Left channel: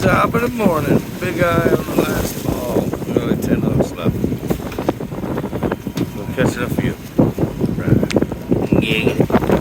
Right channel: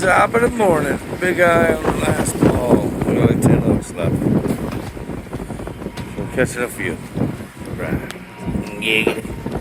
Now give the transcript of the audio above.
Top of the morning. Big eye on the last ball. We got like 10 hooks left. We'll catch it up for you. Right. Giggity.